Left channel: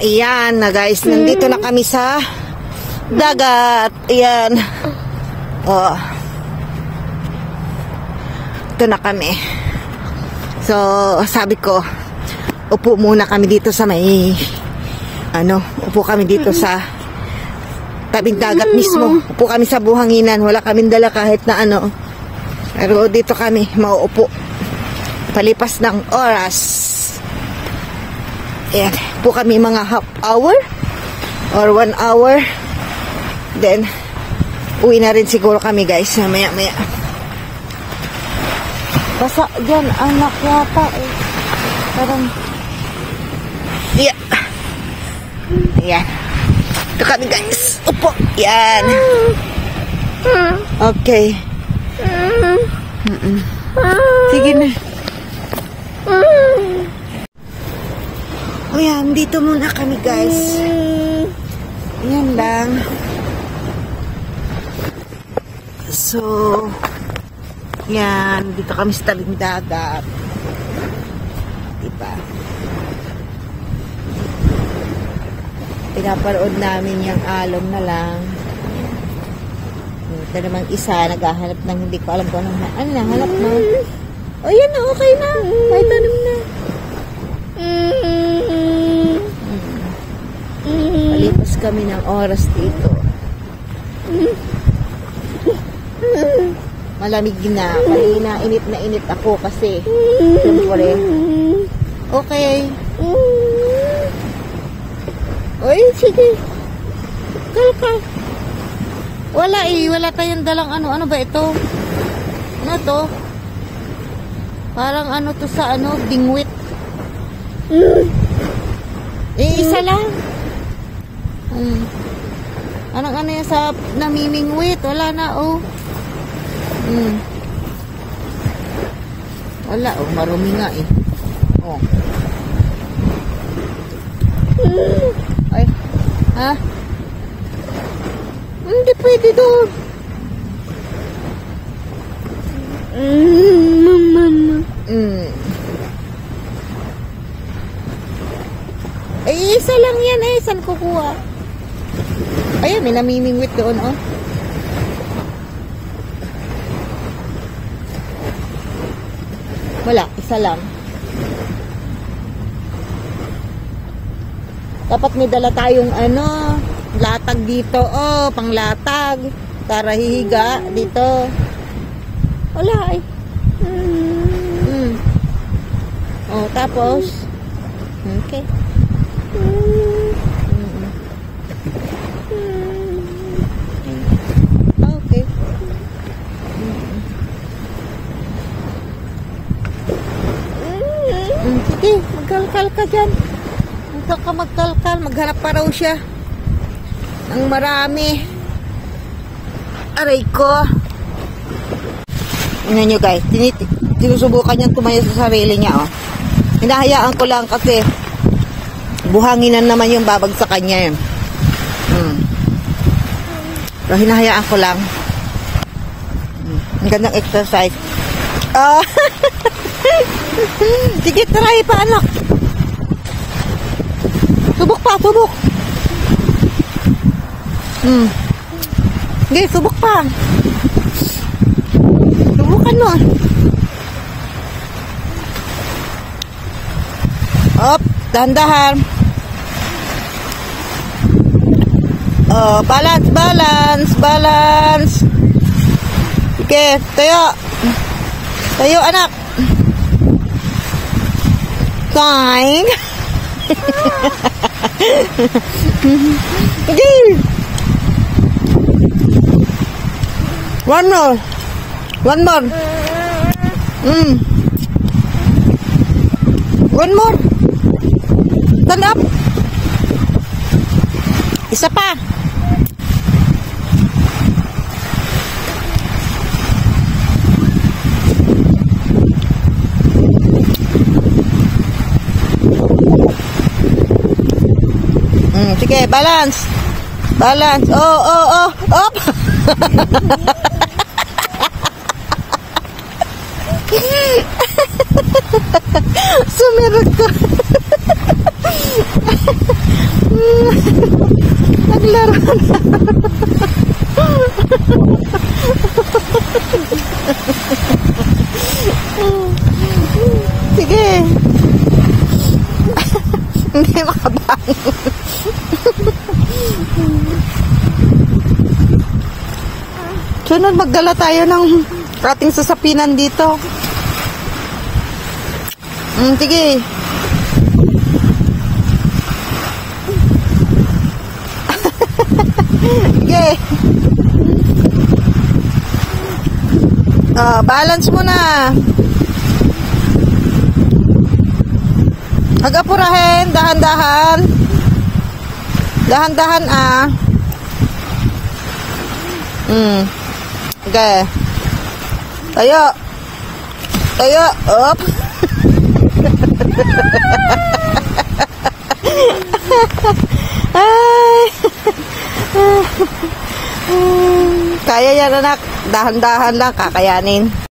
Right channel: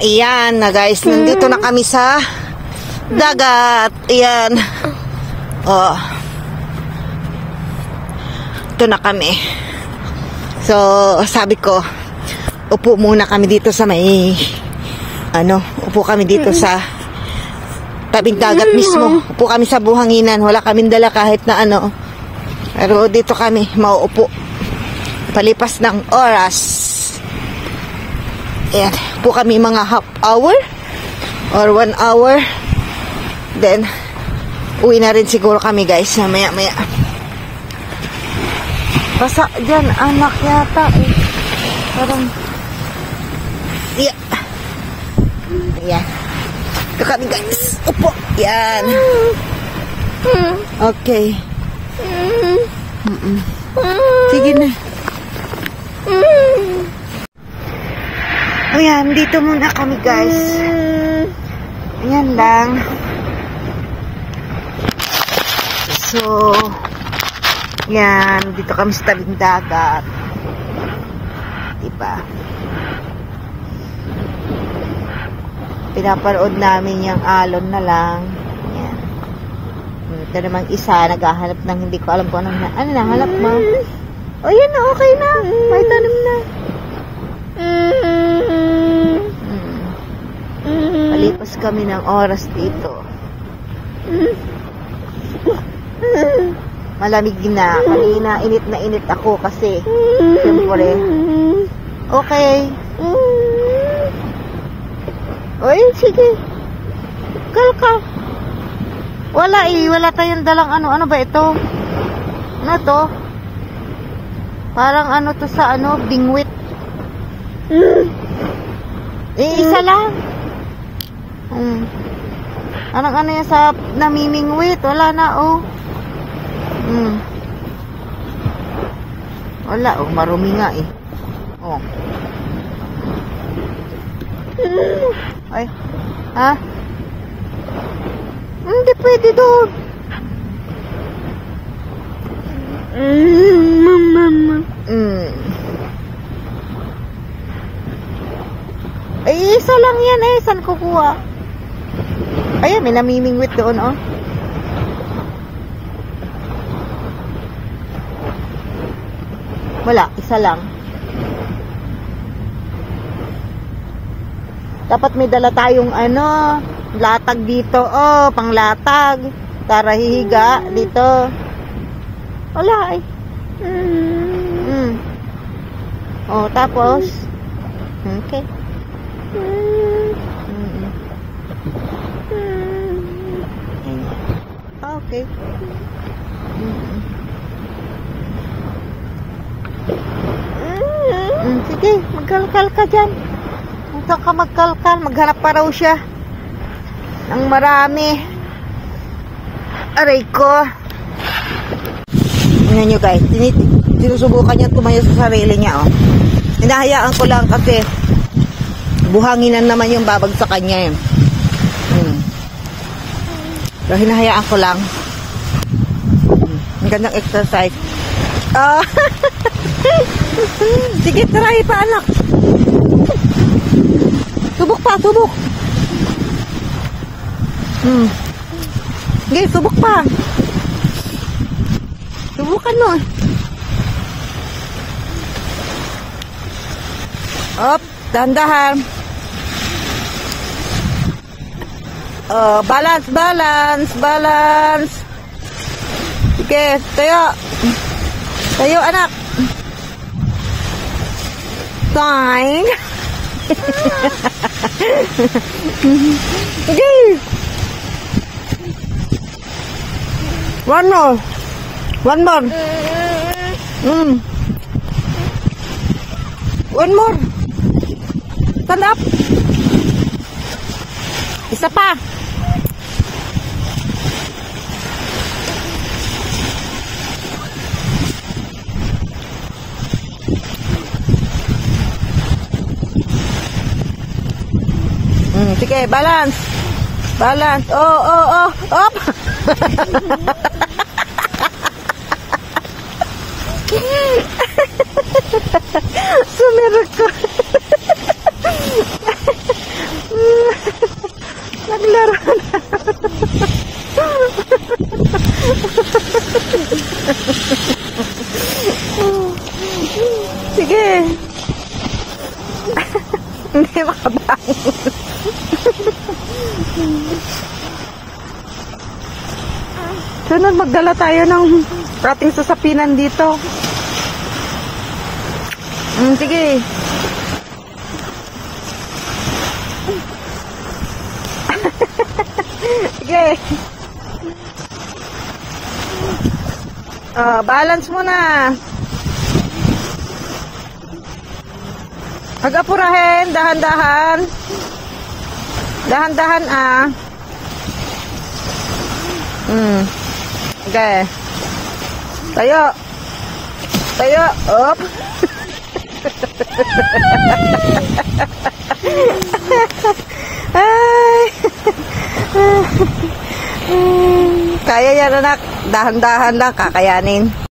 Ayan na guys, nandito na kami sa dagat. Ayan. Oh. Ito na kami. So, sabi ko, upo muna kami dito sa may, upo kami dito sa tabing dagat mismo. Upo kami sa buhanginan. Wala kaming dala kahit na Pero dito kami mauupo. Palipas ng oras. Ayan. Upo kami mga half hour or 1 hour. Then, uwi na rin siguro kami guys. Maya-maya. Basa dyan, anak yata eh. Parang, yeah. Ayan. Ito kami guys. Upo. Ayan. Okay. Sige na. Ayan, dito muna kami guys. Ayan lang. So, yan, dito kami sa tabing dagat. Diba? Pinaparood namin yung alon na lang. Ito namang isa, naghahanap ng hindi ko alam kung ano nahanap mo. O yan na, okay na. May tanong na. Palipas kami ng oras dito. Malamig na. Kanina init na init ako kasi siyempre. Okay. Oy, sige. Kalka. Wala wala tayong dalang ano ba ito? Ano to? Parang to sa bingwit. Isa lang. Anong yan sa namimingwit? Wala na Wala marumi nga eh. Ay. Ha? Hindi pwede doon. Ay, isa lang yan eh. Saan kukuha? Ayan, may namimingwit doon Wala, isa lang. Dapat may dala tayong latag dito, panglatag. Para hihiga dito. Wala eh. Tapos okay. Okay. Sige, magkalkal ka dyan. Huwag ka magkalkal. Maghanap pa raw siya ng marami. Aray ko. Tingnan nyo guys. Sinusubukan niya tumayo sa sarili niya. Hinahayaan ko lang kasi buhanginan naman yung babag sa kanya yun. So hinahayaan ko lang. Ang gandang exercise. Sige, try pa anak. Subok pa, subok. Sige, subok pa. Subukan mo. Op, dahan-dahan. Balance, balance, balance. Sige, tayo. Tayo, anak. Fine. Sige. One more. One more. One more. Stand up. Isa pa. Sige, balance. Balance. Up. Sumirot ko. Naglaro na. Sige. Hindi makabangon. Sunod, magdala tayo ng ating sasapinan dito. Sige. Sige. Balance muna. Mag-apurahin, dahan-dahan. Dahan-dahan Okay. Tayo. Tayo. Op. Kaya yan, anak. Dahan-dahan lang, kakayanin.